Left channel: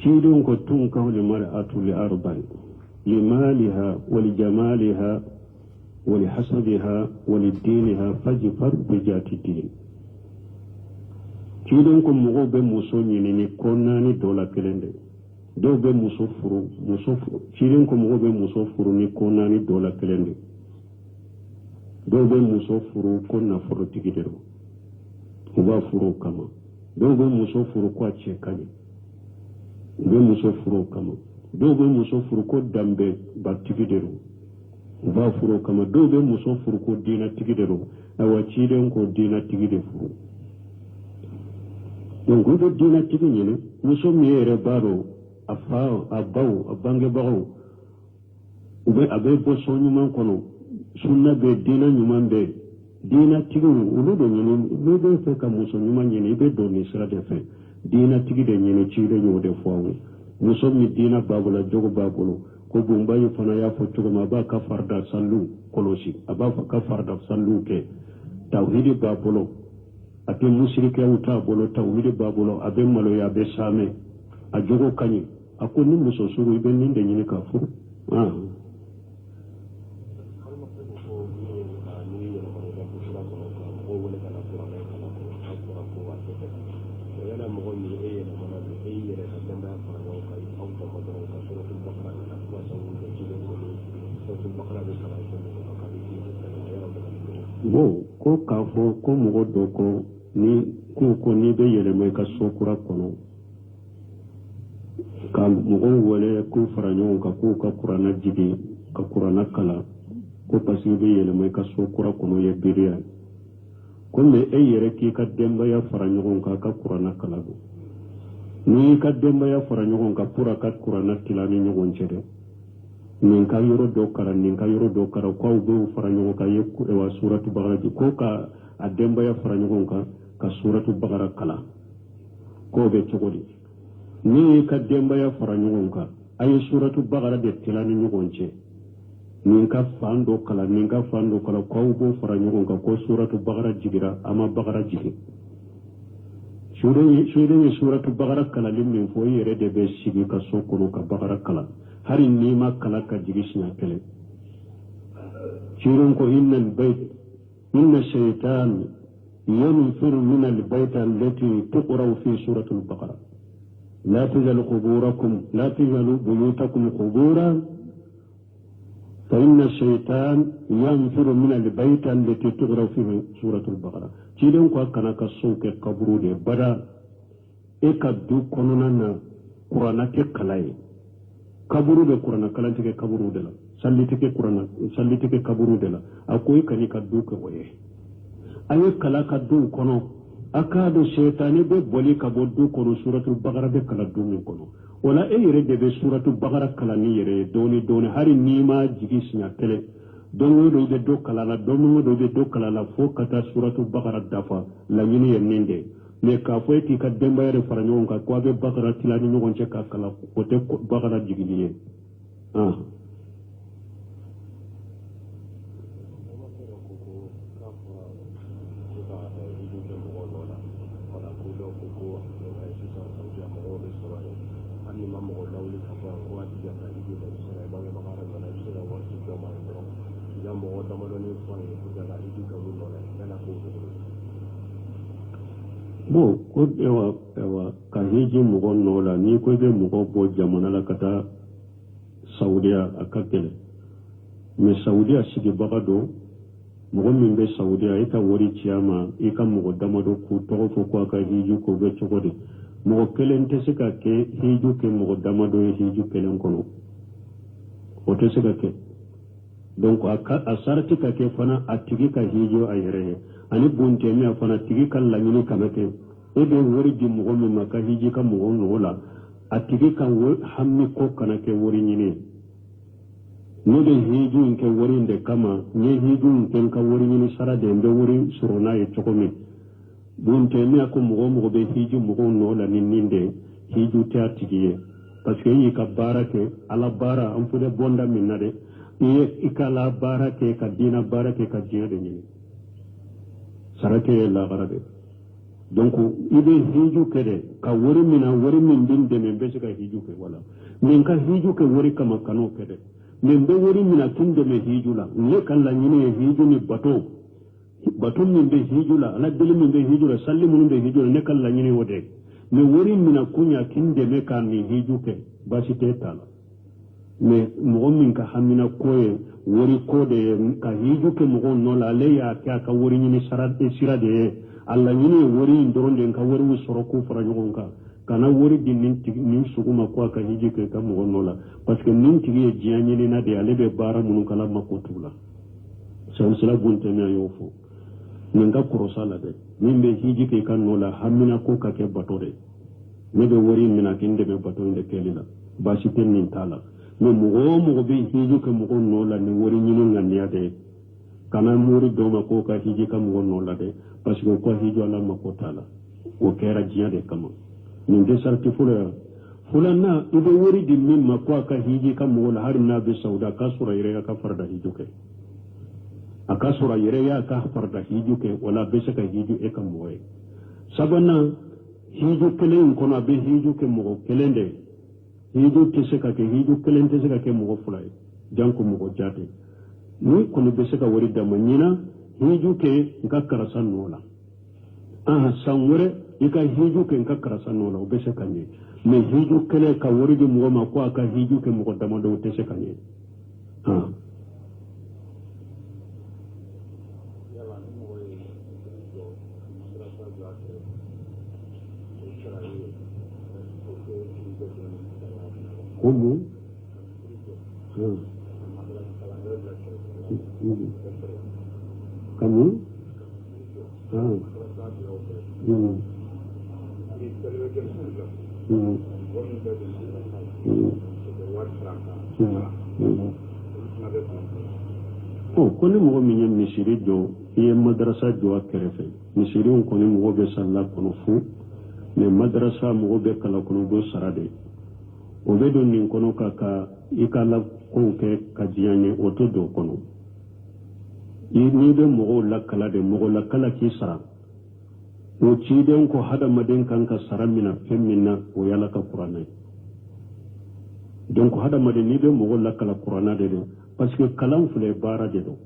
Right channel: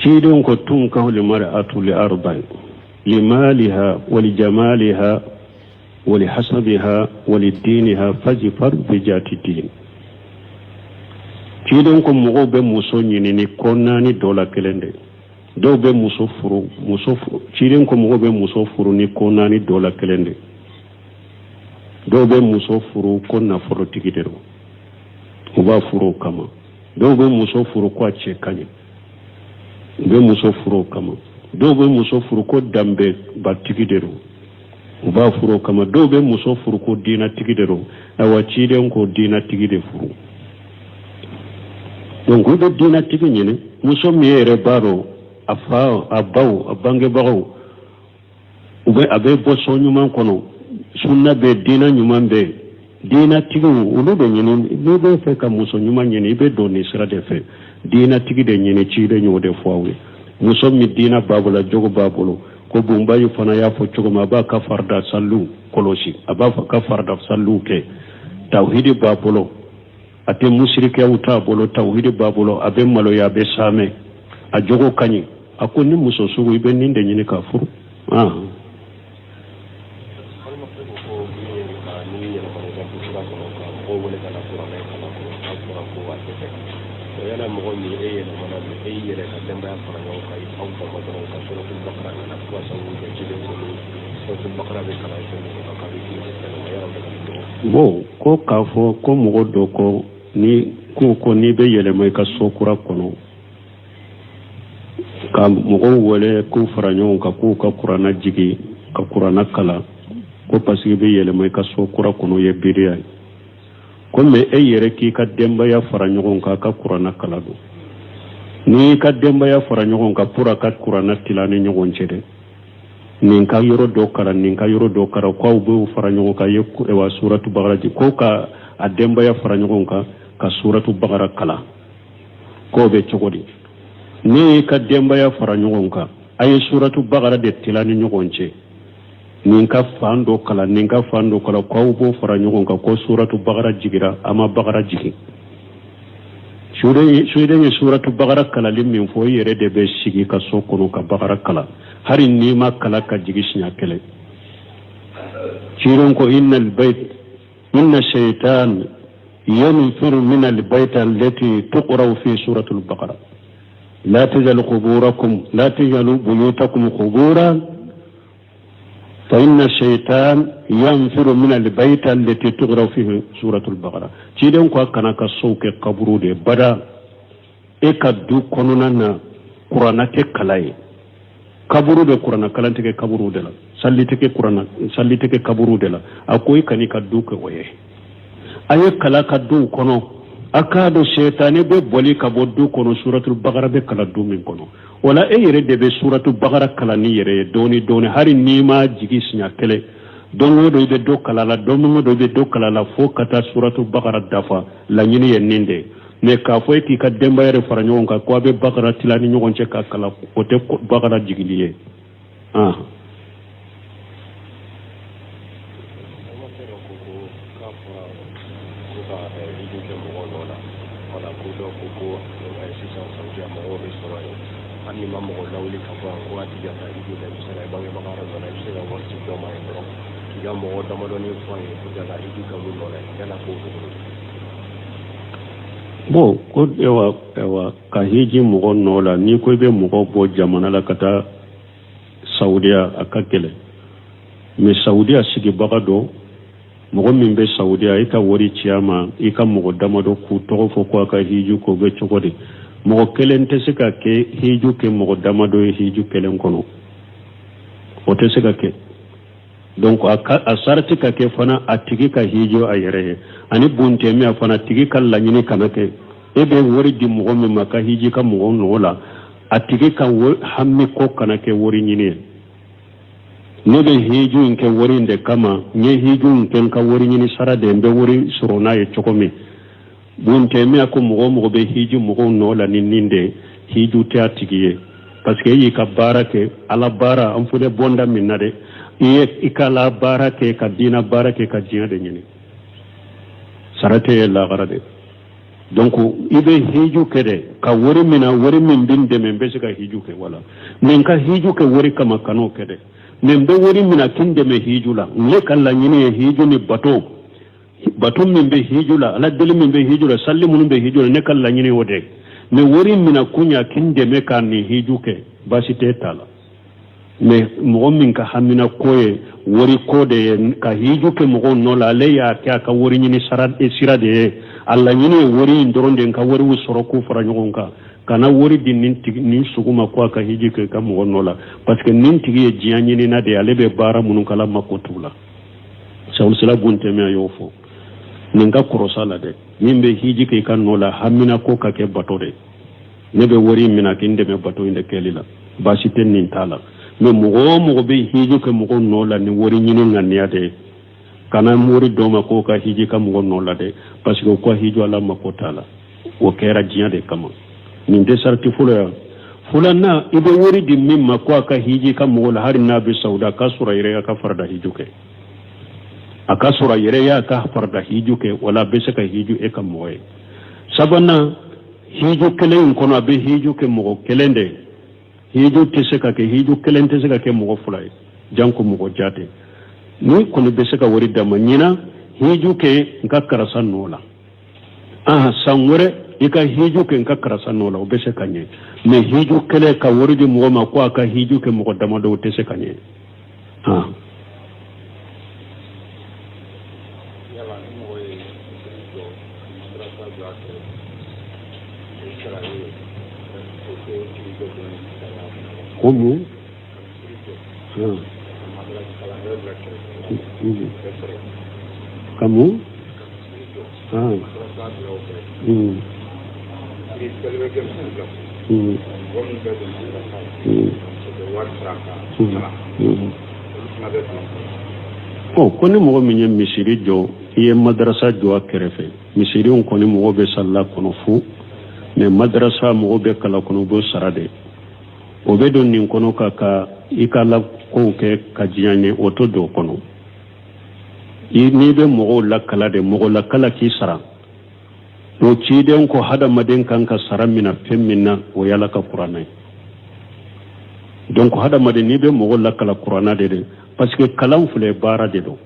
ciidon ko tunkahu limar'atu li arba'in limaliha wa li jamaliha wa li hasabiha wa li diniha fajfar bi jati din. ciidon ko mogo be muso ñinini konnani dola kelende dɔw bɛ muso furu ciiden ko mɔgɔ bɛ muso furu ni ko naani dɔ la kelen de dɔw bɛ muso furu ko nafolotigi de don u b'a furu o kama dɔw bɛ muso furu ko a cɛ ka ɲi u bɛ muso furu o kama dɔw bɛ muso furu ko danbebatigi de don u b'a furu o kama dɔw bɛ muso furu ko diinatigi de don awa ciiden ko diinatigi de furu donc u bɛ diinatigi ɲini muso min yɛrɛ b'a dɔn a fa a baw a bangebagaw a bɛ bɔ sɔn ɲuman kɔnɔ sunna bɛ diina ɲuman bɛ diinatigiw olu de ɲini n'i bɛ fɛ ka muso ɲuman ɲini i bɛ don nin sira de fɛ diinatigi de ɲini ci de ɲɔgɔn de fɔ aw ye muso min diina b'a bolo jogo b'a bolo ko bunbayi fana y'a fɔ cogo min a b'a ka farida saliw kɔlɔsi a b'a fɔ ka farida saliw kɛ tawhidi b'a bolo a tɛ musirikɛw t'a bolo tawhidi b'a bolo a bɛ maloya a bɛ saamɛ a jogo ka ɲi a ko ni muso sugu i bɛ nin de ɲini ka furu bon ko k'a fɔ ko mɔgɔ dɔ kɔ ni ko n'i bɛ yɛlɛma i ka so kura kɔnɔ ka mɔgɔw wele k'u fara ɲɔgɔn kan k'u ka kuranna jigi ka kuranna kala ko parce que i bɛ yɛlɛma i ka so kura kɔnɔ ye biriya ye ko mais e yɛrɛ k'i ka denbaya fara ɲɔgɔn kan ka kuranna kala don n'i ka denbaya fara ɲɔgɔn kan pour a ka kuranna tila ni ɲɔgɔn cɛ dɛ nin ka yɔrɔ dɔ kara nin ka yɔrɔ dɔ kara k'aw b'u fara ɲɔgɔn kan ye wa suratu bagara ji ko ka a denbaya fara ɲɔgɔn kan ka suratu bagara kala k'o bɛ cogo di ni ka denbaya fara ɲɔgɔn kan a ye suratu bagara de tila ni ɲɔgɔn cɛ nin ka fan dɔ kala nin ka fan dɔ kala k'aw b'u fara ɲɔgɔn kan ko suratu bagara jigira a ma bagara jigi suiden ye suratu bagara kalali min fɔ i yɛrɛ de bɛ sigi ka so kɔnɔ ka bagara kala hari n'i ma kala ka jigi siɲɛ kɛlɛ ciiden ko inna shaitan yanfiru min albayt allati tuqra fi surati al-baqara la tajalu buyutakum quburan fa inna shaitan yanfiru min albayt allati tuqra fi surati al-baqara ciiden ko kana ka so kɛ kaburu de bada e ka du kɔnɔna na kurana tɛ kala ye kaburu de kurana kalantigɛ kaburu de la sallitike kaburu de la a ko i kan'i ka du kɛ o ye a ye kala ka duw kɔnɔ a k'a dɔn shetani bɛ bɔli ka bɔ du kɔnɔ suratul bagara bɛ kala du min kɔnɔ wala e yɛrɛ de bɛ suratul bagara kala ni yɛrɛ ye dɔɔni hali n'i ma jigi siɲɛ kɛlɛ don o don i bɛ dɔ kala la don o don i bɛ dɔ kala la fo ka taa suratul bagara dafa laɲini ye nin de mais k'a fɔ e k'i ka denbaya de fara ɲɔgɔn kan ko a bɛ bagara tila ni ɲɔgɔn cɛ ka kala o tɛ bagara jigili ye bon ko ewa ka hiji mɔgɔ nɔ la n'i ko i bɛ mɔgɔ bɔ jamana la ka taa saudiya a ka gɛlɛn mais saudiya sigibaga dɔ mɔgɔ min bɛ saudiya i ka wari ci a ma i ka mɔgɔ damadɔ k'u tɔgɔ fɔ ko a ka hiju k'o bɛ cogo di mɔgɔ kelen tɛ se ka kɛ hiju kɛ mɔgɔ damadɔ ye hiju kelen kɔnɔ o tɛ se ka kɛ donc a sarati ka kɛ fana a tigi ka hiju a yɛrɛ ye ani bontɛmɛ fana tigi ka laɲini kana kɛ e bɛ wari di mɔgɔ min ma ka hiji ka mɔgɔ nɔgɔ la a tigi ka hami ko kana kɛ wari ɲini ye ne bɛ hiju in kɛ wari in de kama n ye hiju in kɛ n ka wari ɲini sara de n bɛ wari sɔrɔ n'a ye cogo min bontɛmɛ ko mɔgɔ bɛ hiju mɔgɔw nɔ la ni nin de hiju tɛ a tigi ye parce que e y'i ka baara kɛ ala baara an fɔ ne bɔnda min na dɛ i ka la baara kɛ ka diina baara kɛ ka diɲɛ de ɲini sara tɛ ye lagara de donc ibe hiju kede ka wori min binde men be sika hiju ke wala men ka hiju ke wori kama kano kede men be wori mina kinde me hiju la le kala nyini hiju ni bato min be hiju la ala deli min be hiju la salli mun be hiju la ne kala nyini wode me wori mina kunya kinde me kan ni hiju ke basi te tala me mo min ka hamina koye wori kode ka hiju ke mo no la le ya ka wori nyini sirade alla nyine wori ndoronde ka wori wusoro ku fara nyogonka kana wori din nin suguma ko ka hiji ke kam wonola parce que nin tigi e jianye ni na de alebe bara munun kala makotula sawul sala gunte me ayofo ninga korosala de nimbe hiji ke kan nola hamina ko ka ke batore nebe wori mina kinde me bato inde kelila basi ten nin tala me mo be hiji ke mo nola ni wori nyine nganiade kana muri doma ko ka hiji kam gonno la de parce que ko hijo ala makotala o kera jiya de kama min de sarti fulana ibe wori di mimma ko ka hiji kam wala har nabi sauda ka sura yere ka farda hijuke aka sura yere ya ka farda hijuke wala be se ka hiju e kam moye sabana hiju kelen kono be hijuke mo kelende hiju tese ka ke hiju kelente se ka ke mo fulay janko mo jate ni kono be seka wori dama nyina hiju ke nka karasa nola sangure ika hiju ke nka karasa nola be seka nye me hiju kele ka wori di mo ma ko aka hiju ke mo dama do te seka nye Como? Kamu? Koni mogo min ye misiri jɔ i ye madarasa jɔ a kɛrɛfɛ misiriw kɔni mogo bɛ salila kɔnɔ fu mais madarasa mogo bɛ kala kɔnɔ b'o sara de o bɛ don nin kɔnɔ ka i ka la kow kɛ ka diya ɲɛ o to don o kɔnɔ n'i bɛ mɔgɔw lakala de mɔgɔ lakala k'i sara o ciden ko hadamaden kan ka sara mina fɛn min na o yala ka kuranna ye donc hadamaden n'i bɛ mɔgɔw lakala kuranna de parce que kalan filɛ baara de don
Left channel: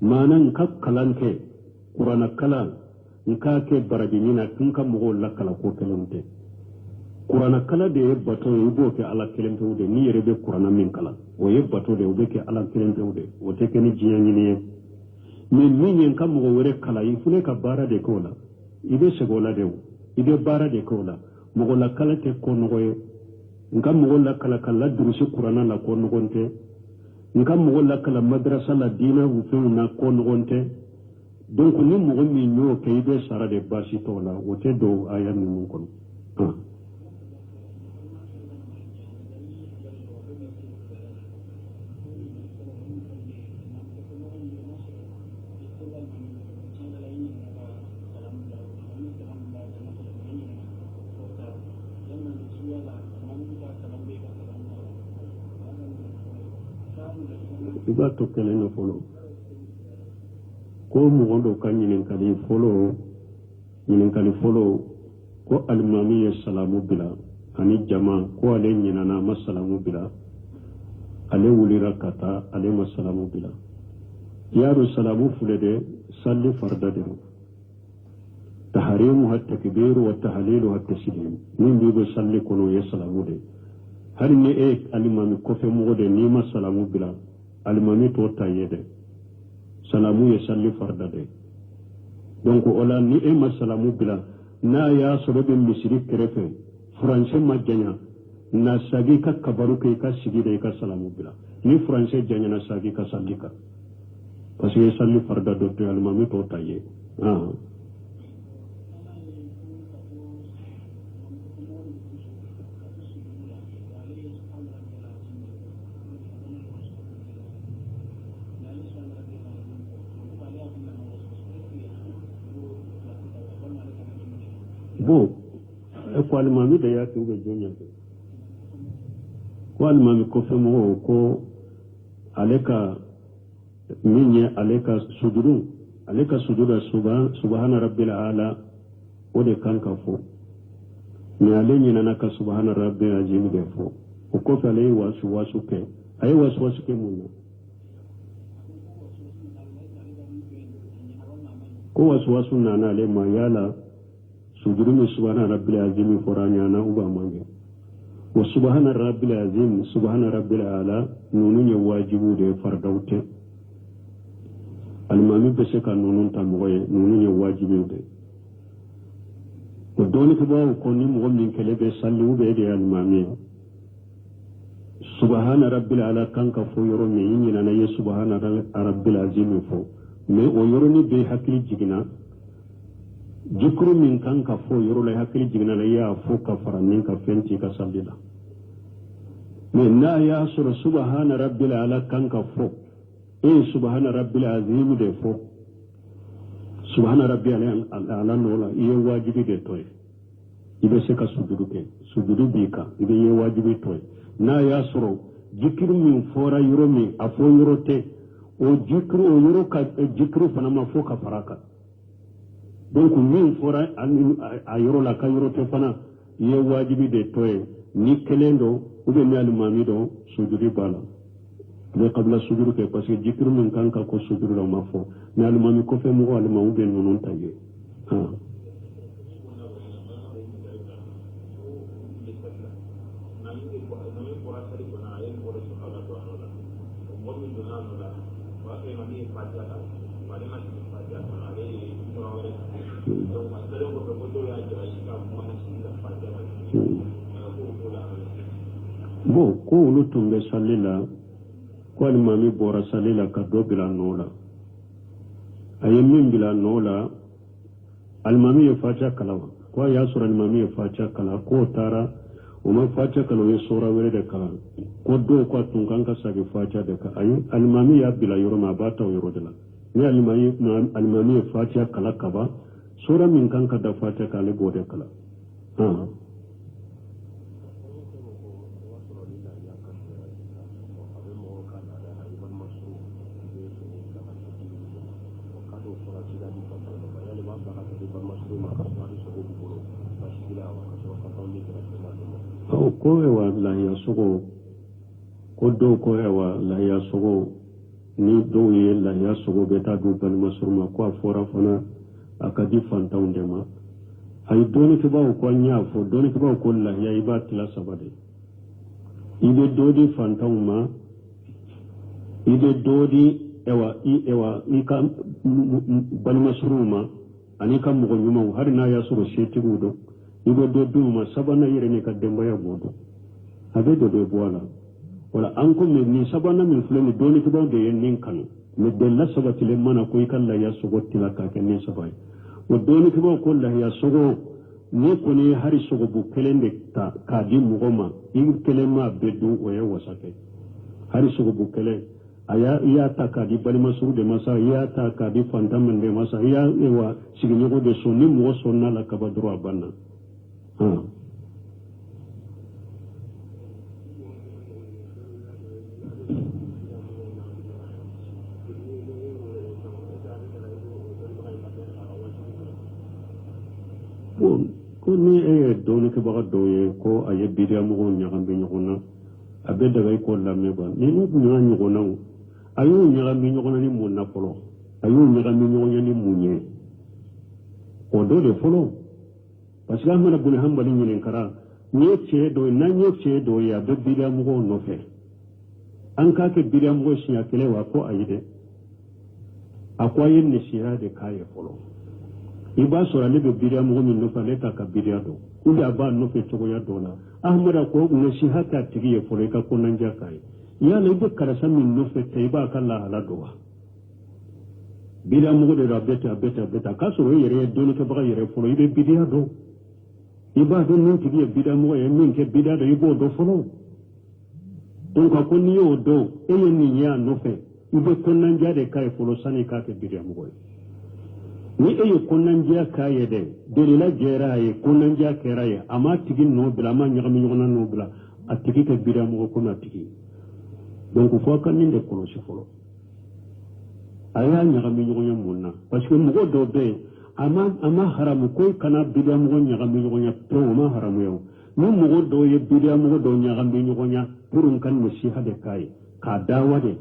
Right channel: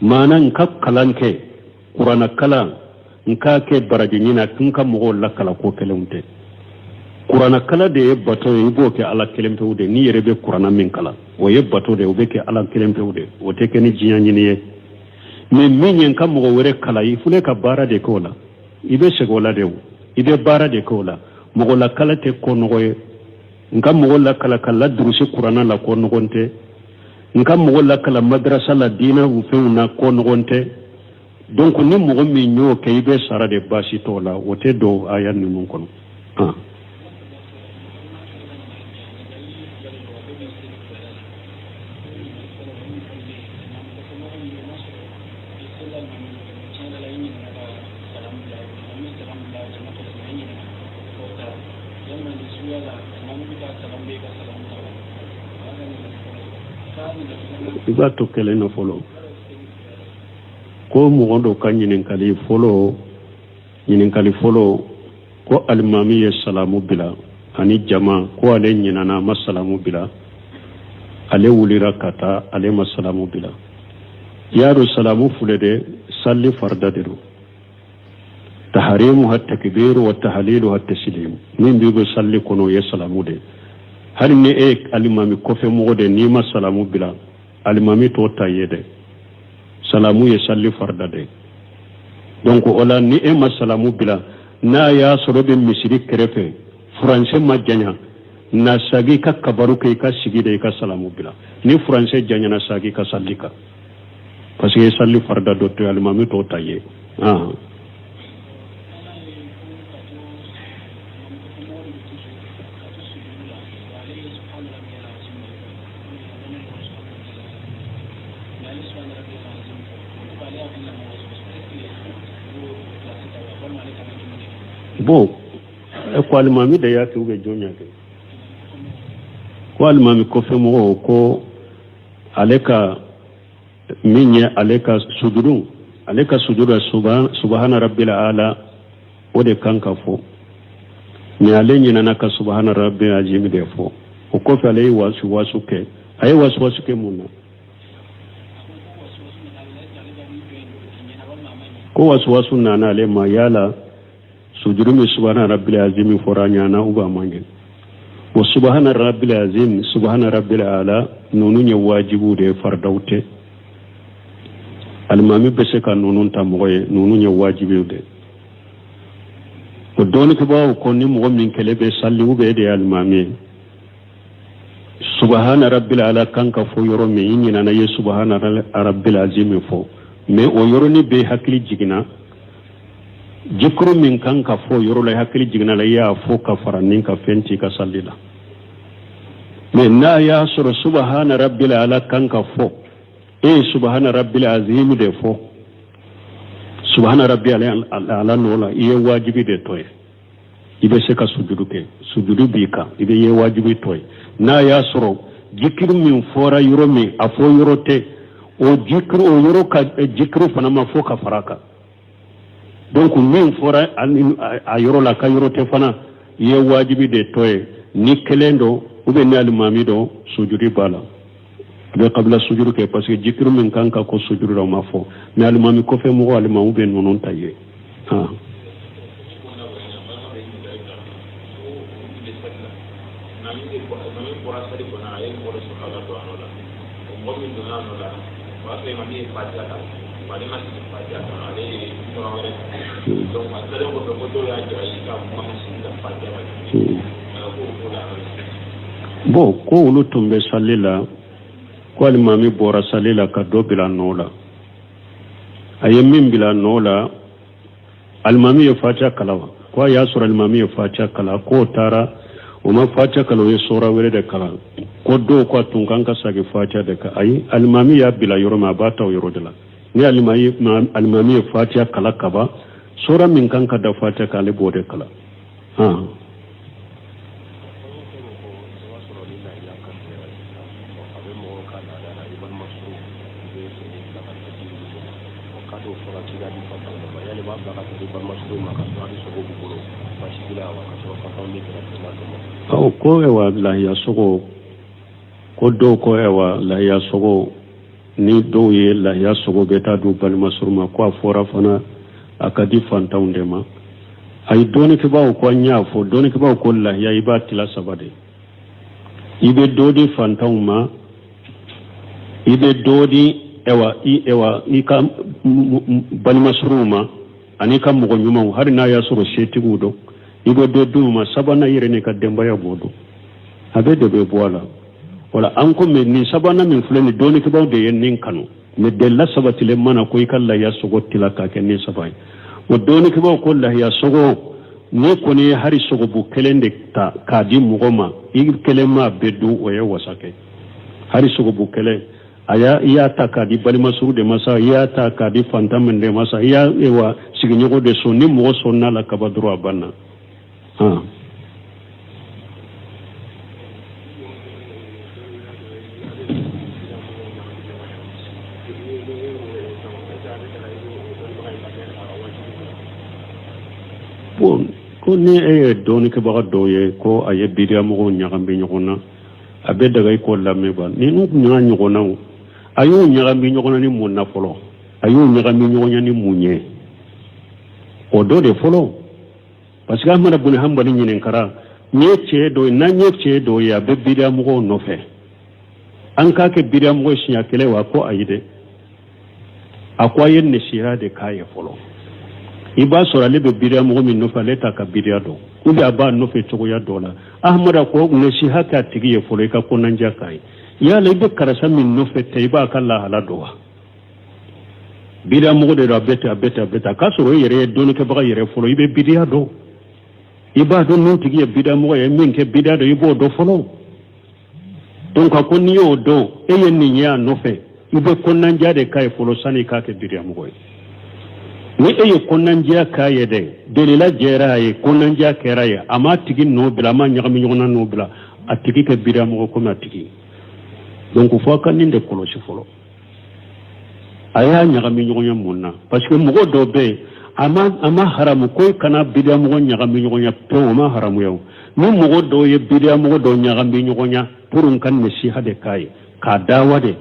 maana n ka kalan kɛ kuranna kalan n k'a kɛ baraji ɲina n ka mɔgɔw lakala ko kelenw tɛ kuranna kala de ye bato ye i b'o kɛ ala kelen pewu de n'i yɛrɛ bɛ kuranna min kala o ye bato de o bɛ kɛ ala kelen pewu de o tɛ kɛ ni diɲɛ ɲini ye mais min ye n ka mɔgɔ wɛrɛ kala i filɛ ka baara de kɛ o la i bɛ segin o la de o i bɛ baara de kɛ o la mɔgɔ lakala tɛ ko nɔgɔ ye n ka mɔgɔ lakala ka ladurusi kuranna la ko nɔgɔn tɛ n ka mɔgɔ lakala madrasa la diinɛ fɛnw na ko nɔgɔn tɛ donc ni mɔgɔ min y'o kɛ i bɛ sara de baasi t'o la o tɛ don aya ninnu kɔnɔ i b'a to kelen na fɔlɔ ko mɔgɔ dɔ ka ɲininkali fɔlɔ ko alimami ye salamu bila ani jama ko ale ɲinana ma salamu bila ale wulira ka taa ale ma salamu bila y'a dɔn salamu filɛ de salli farda de don taharimu ha takbiru wa tahlilu ha taslim min bi salli kɔnɔ o ye salamu de hali ni e ye alimami kɔfɛ mɔgɔ de n'i ma salamu bila alimami to ta ye de salamu ye salli farda de donc o la ni e ma salamu bila n'a y'a sɔrɔ bɛ misiri kɛrɛfɛ furancɛ ma janya na sagi ka kabaru kɛ i ka sigi de i ka salamu bila ni furancɛ janyana sagi ka salli kan parce que salli farda dɔ to alimami to ta ye bon ko alimami da ya ke ube jonya ke ko alimami ko fe mo ko aleka minye aleka sujudu subhana rabbil ala o de kan ka fɔ mais ale ɲinana ka subhana rabbil azim de fɔ o kɔfɛ ale ye wasuwasu kɛ a ye wasuwasu kɛ mun na ko wasuwasu nana ale ma yala sujudu min subhana rabbil azim fɔra ɲana ou bien man kɛ o subhana rabbil azim subhana rabbil ala nunu ye wajibu de fardaw tɛ alimami bɛ se ka nunu ta mɔgɔ ye nunu ye wajibu de o dɔɔni kibaw ko ni mɔgɔ min kɛlɛ bɛ salli ou bien de ye alimami ye subhana rabbil ala kan ka fɔ yɔrɔ min i ɲinana ye subhana rabbil azim fɔ mais o yɔrɔni bɛ hakili jiginna jikuru min kan ka fɔ yɔrɔ la hakili jiginna la i y'a fɔ ka fara nin ka fɛn t'i ka salli la mais n'a y'a sɔrɔ subhana rabbil ala kan ka fɔ e ye subhana rabbil azim de fɔ subhana rabbil ala n'o la i ye wajibi de tɔ ye i bɛ se ka sujudu kɛ sujudu b'i kan i bɛ ye wajibi tɔ ye n'a y'a sɔrɔ jikiru min fɔra yɔrɔ min a fɔ yɔrɔ tɛ o jikiru o yɔrɔ ka jikiru fana ma fɔ ka fara kan donc min fɔra a yɔrɔ la ka yɔrɔ tɛ fana i ye wajibi de tɔ ye ni kelen don ou bien ni alimami don sujudi b'a la i bɛ kabila sujudu kɛ parce que jikiru min kan ka ko sujudu la o ma fɔ mais alimami kɔfɛ mɔgɔ alimami bɛ ninnu ta ye bon ko olu tun bɛ salli la ko alimami bɔra salli la ka dɔ bila nɔ la a ye min bila nɔ la alimami ye fatiha kalan wa ko a y'a sɔrɔ alimami ye fatiha kalan k'o taara o ma fatiha kalan o ye sura wɛrɛ de kalan ko dɔw ko a tun kan ka segin fatiha de kan ayi alimami y'a bila yɔrɔ min a b'a ta o yɔrɔ de la ni alimami ye fatiha kalan ka ban sura min kan ka da fatiha kan ale b'o de kalan ko ewa lahiya sogo ko dɔw ko ewa lahiya sogo ni dɔw ye lahiya sogo bɛ taa du balima suru ma ko a fɔra fana a ka di fantanw de ma a ye dɔɔnikibaw ko an y'a fɔ dɔɔnikibaw ko lahiya i b'a tila saba de i bɛ dɔ di fantanw ma i bɛ dɔ di i ka balima suruw ma ani ka mɔgɔ ɲumanw hali n'a y'a sɔrɔ setigiw don i bɛ dɔ d'u ma sabanan yɛrɛ ni ka denbaya b'o don a bɛ de bɛ bɔ a la wala an ko mɛ nin sabanan min filɛ nin dɔɔnikibaw de ye nin kanu mɛ delila sabatilen mana ko i ka lahiya sogo tila k'a kɛ nin saba ye o dɔɔnikibaw ko lahiya sogo ne kɔni ye hari sogobu kelen de ta k'a di mɔgɔ ma i kelen ma bɛ don o ye wasa kɛ hari sogobu kelen i y'a ta k'a di balima suru de ma sa i y'a ta k'a di fantan min de ma sa i y'a sigiɲɔgɔn de sɔn ni mɔgɔ sɔnn'a la kaba dɔrɔn a banna bon ko ni e ye dɔɔnikɛbaga dɔw ye ko a ye biriya mɔgɔw ɲagami ɲɔgɔn na a bɛ daga i ko lamɛn ba ni n'u ɲaga ɲɔgɔnnaw a y'u ɲagami ɲɔgɔn na ni mun na fɔlɔ a y'u ɲagami ɲɔgɔn na ni mun ye o dɔ de fɔlɔ parce que Ahmad bin Hanbali ɲininkara n ye cɛ dɔ ye n'an ye cɛ dɔ ye a bɛ biriya mɔgɔw nɔfɛ an k'a kɛ biriya mɔgɔ siɲɛ kelen wa ko ayi dɛ a ko a ye nasiha de k'a ye fɔlɔ i b'a sɔrɔ ale bɛ biriya mɔgɔ min nɔfɛ ale t'a ka biriya dɔn ou bien a b'a nɔfɛ cogoya dɔ la Ahmad ko nasiha k'a tigi ye fɔlɔ i ka kɔnɔndiya k'a ye yala i bɛ karisa min nɔfɛ tɛ i b'a ka lahala dɔn wa biriya mɔgɔ de don a bɛ ten k'a sɔrɔ i yɛrɛ ye dɔɔnikɛbaga yɛrɛ fɔlɔ i bɛ biriya dɔn i b'a dɔn n'o tigi ye biriya mɔgɔ ye min kɛ biriya dɔn i b'o dɔn fɔlɔ donc a ko n'i y'o dɔn e ye nin ye a nɔfɛ i bɛ kɔnɔndiya de k'a ye fɔlɔ sani i k'a kɛ biriya mɔgɔ ye ni e ye kɔnɔndiya k'a ye dɛ delila jɛra a ye kɔnɔndiya kɛra a ye a ma tigi nɔ bila a ma ɲagami ɲɔgɔn na nɔ bila a tigi kɛ biriya mɔgɔ komi a tigi donc fo a ka nin de kɔlɔsi fɔlɔ a y'a ɲagami ɲɔgɔn ye mun na parce que mɔgɔ dɔw bɛ yen ama haramu koy kana bidia mo nyagami nyonya pe ma haramu yaw ni mo do ye bidia mo do nyagami nyonya purun kan nasiha de kai ka dawa de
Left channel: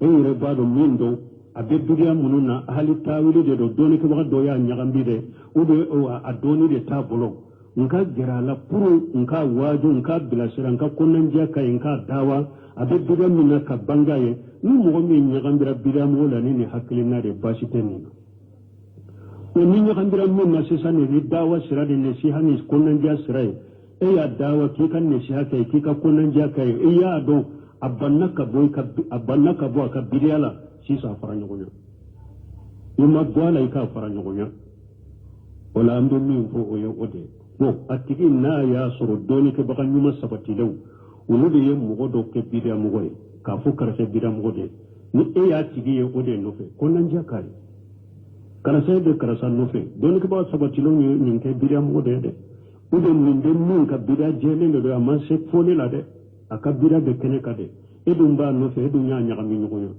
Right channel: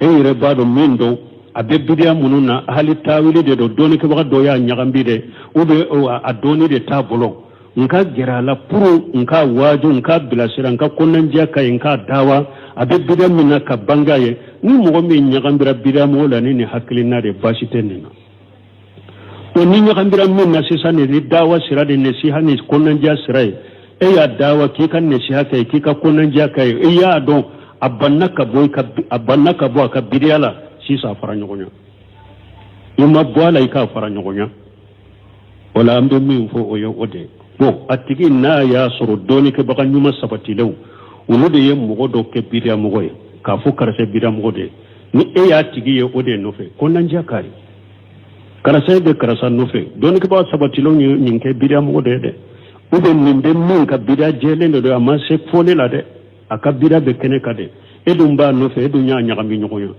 e re bado mindo abe bidia mununa hali tawili de do doni ke ba do ya nyagami de o be adoni de tabolo nka gerala puru nka waju nka bilasira nka konanjia kai nka dawa abe bidia minna ka bangaye ni mo mi nyagambira bidia mo la ni hakilina de basite nina to ni nyagambira minna sisa ni dawa sira de nasiha ni konanjia sira e ya dawa kika nasiha kai kika konanjia kai e ya do abannaka boy ka bidia la sisa faranyonya ima boala ika faranyonya wala ambe mi fo oyo ode bo atigi na ya soro doni ke baka nyuma sabati lew uno de yem mo do ke bidia mo goy ka fu karase bidia mo de ni e ya tigi ye ode no fe ko nan jakari karase de karasa no fe doni ke ba sabati lew ni ke bidia mo de ode ni de min ka bidia jele do ama se fone la de aka bidia be kene ka de e dum ba no fe do nya nya mi nyoyo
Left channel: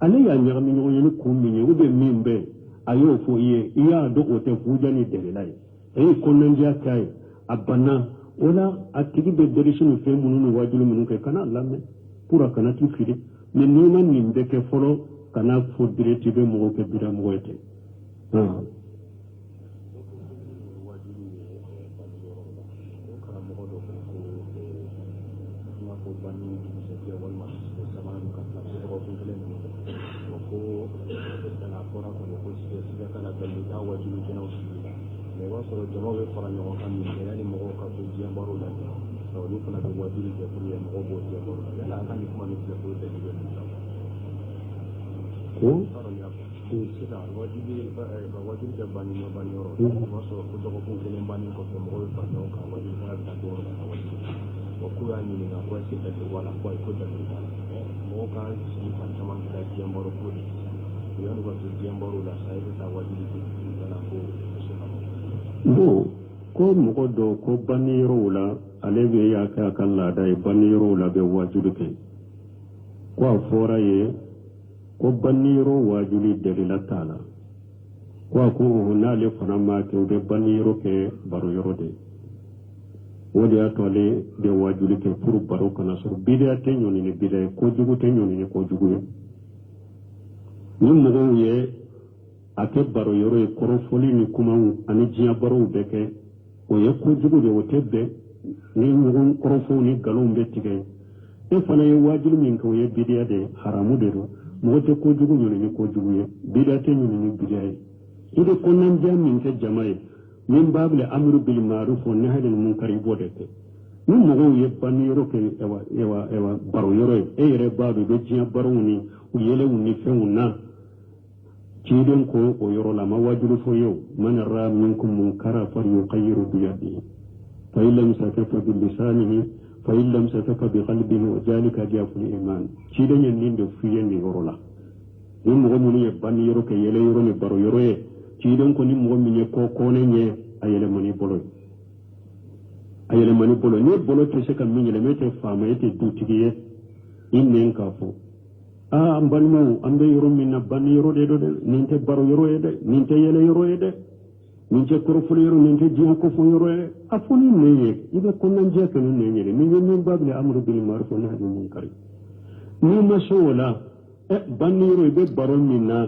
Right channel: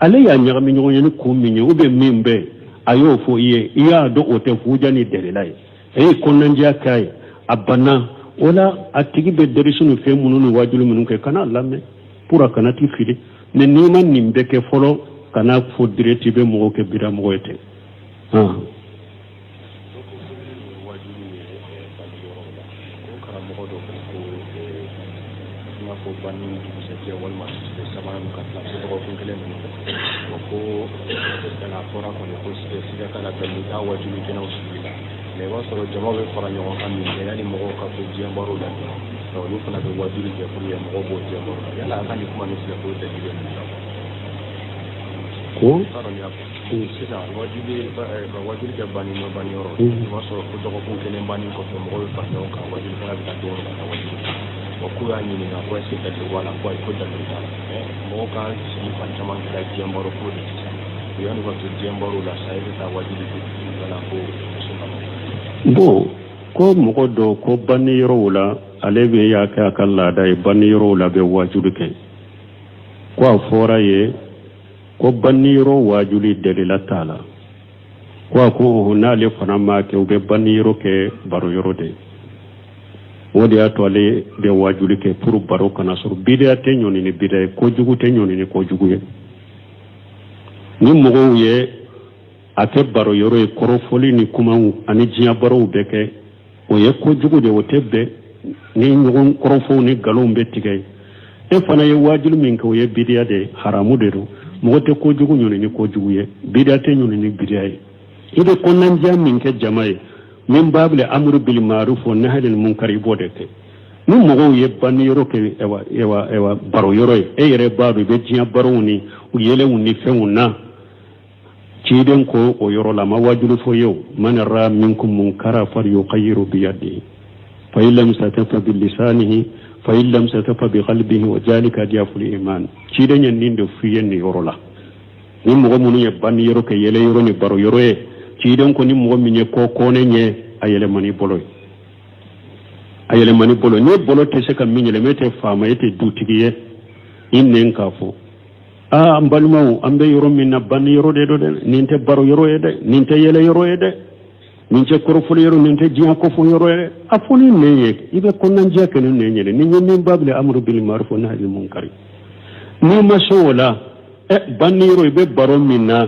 ale ya nya mi nyoyo ni ko mi nyoyo be mimbe ayo fo iye iya do ote fujani dere lai e konanja kai abana wala atigi be derisunu fe mununu wajulu munun ke kana lamme pura kana ti fili ne nima nimbe ke folo kana fo direti be mo ke bira mo ete solo jama be fara ɲɔgɔn kan min yani mɔgɔw ka fɔ diɲɛ baro la olu fana bɛ wajuli kɛ pour que mɔgɔw b'o diɲɛ baro la yala an ka nin kuma nin filɛ k'o dalili bɛ ko sisan wajuli kɛ banni ma banni yɔrɔ i b'a sɔrɔ ko dɔgɔkun kelen banni kɔfɛ mɔgɔw bɛ fara ɲɔgɔn kan wajuli fana bɛ taa don ka taa wajuli wa k'u y'a ɲininka ko est-ce que dalili b'a la ko ayi ko dalili t'a la mɔgɔw ka sigi fan caman kɛra diɲɛ baro ko de sisan yanni ka to diɲɛ baro la sa i bɛ taa wajuli wala ko bo ko mogo do ko banni yoro la ale be ya ka kala da banni yoro la be wajulu ke ko fora ye ko banni yoro wajuli dalila tala ko hunale fana ma ke be banni yoro ke baro yoro de wodi atole be wajuli ke pour baro kana sur bidia te nyoni ni bidia ko jugu te nyoni ni ko jugu ye ni mogo ye ate baro yoro e korofoli ni kumaw ani jiya baro beke o ye ko jugu de wotebe ni ngon korofo ni galon be tigay e fana ye wajulu min ko ye bidia de haramu de do mogote ko jugu nyoni ni ko jugu ye bidia te nyoni ni bidia ye ibe konan jamin ke jamae min babule amru bil ma'ruf wa nahy anil munkar ibode ke ni mogo ye ban yoro ke ewa baro yoro e yere babu be jiya baro ni u yele woni fewuna ciden ko o yoro la ma wajulu fo yow man ra minkum munkara far yuqayyiru bi yadihi fa illam satafa bil lisanihi fa illam satafa bi qalbihi wa jalika diaful iman ciden yan ninde fiyen ni yoro la ni mo mo ni ban yoro ke yele yoro ni baro yoro e ciden ko ni mo mi ne ko ne nye ayele mani bolo ne bolo te se kam mi nyele mete fama ete dutigiye innen ka fo ambalmaw ambe yoro minna ban yoro de do de ninte baro yoro e de ninte yele yoro e de ninte korofol yoro ninte jiya ko fo yoro e afoni neye ibe konnan jiya kene neye ni nyenne bable amru bil ma'ruf wa nahy anil munkar ni masola e ban yoro ibe baro minna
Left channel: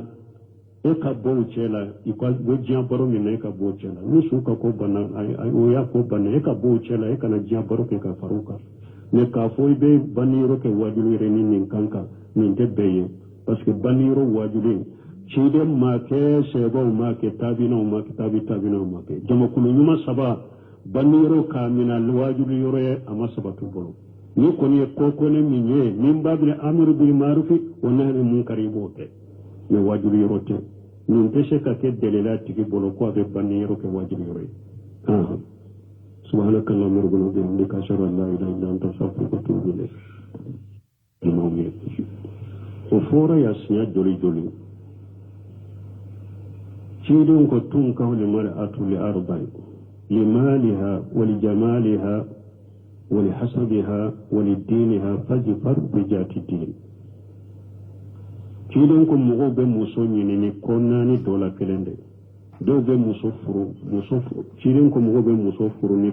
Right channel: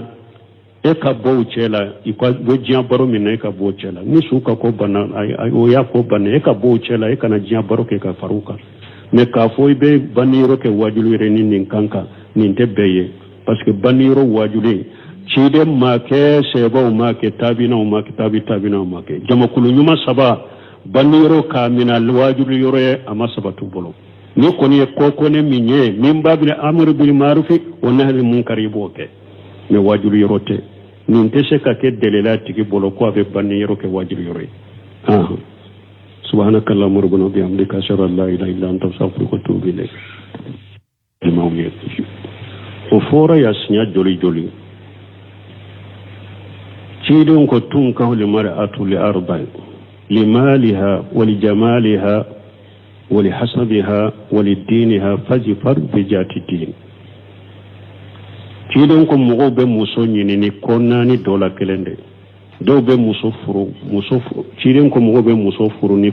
e ka bo chela ikwa bo jiya baro minna e ka bo chela ni suka ko bana ay o ya ko bana e ka bo chela e kana jiya baro ke ka faruka me ka fo ibe ban yoro ke wajulu re ni ninkanka ninte beye parce que baniro wajule cide ma ke sebo ma ke tabina ma ke tabina ma ke jamakulu nyuma saba baniro ka mina wajulu yore ama sabatu bolo ni koni ko ne minye min babine amru bil ma'ruf wa nahy anil munkar boke me wajulu yorote ninte se ka ke delela tigi bolo ko be baniro ke wajulu yore subhanakallahumma rabbana wa bihamdika ashhadu an la ilaha illa anta astaghfiruka wa atubu ilayk o fora ya sinya joli cidon ko tun ka holi mar'atu li arba'i li maliha wa li jamaliha wa li hasabiha wa li diniha fajfar bi jati din cidon ko mo be muso nyini ni konnani dola kelende dɔw bɛ muso furu cilen ko mɔgɔw bɛ muso furu ni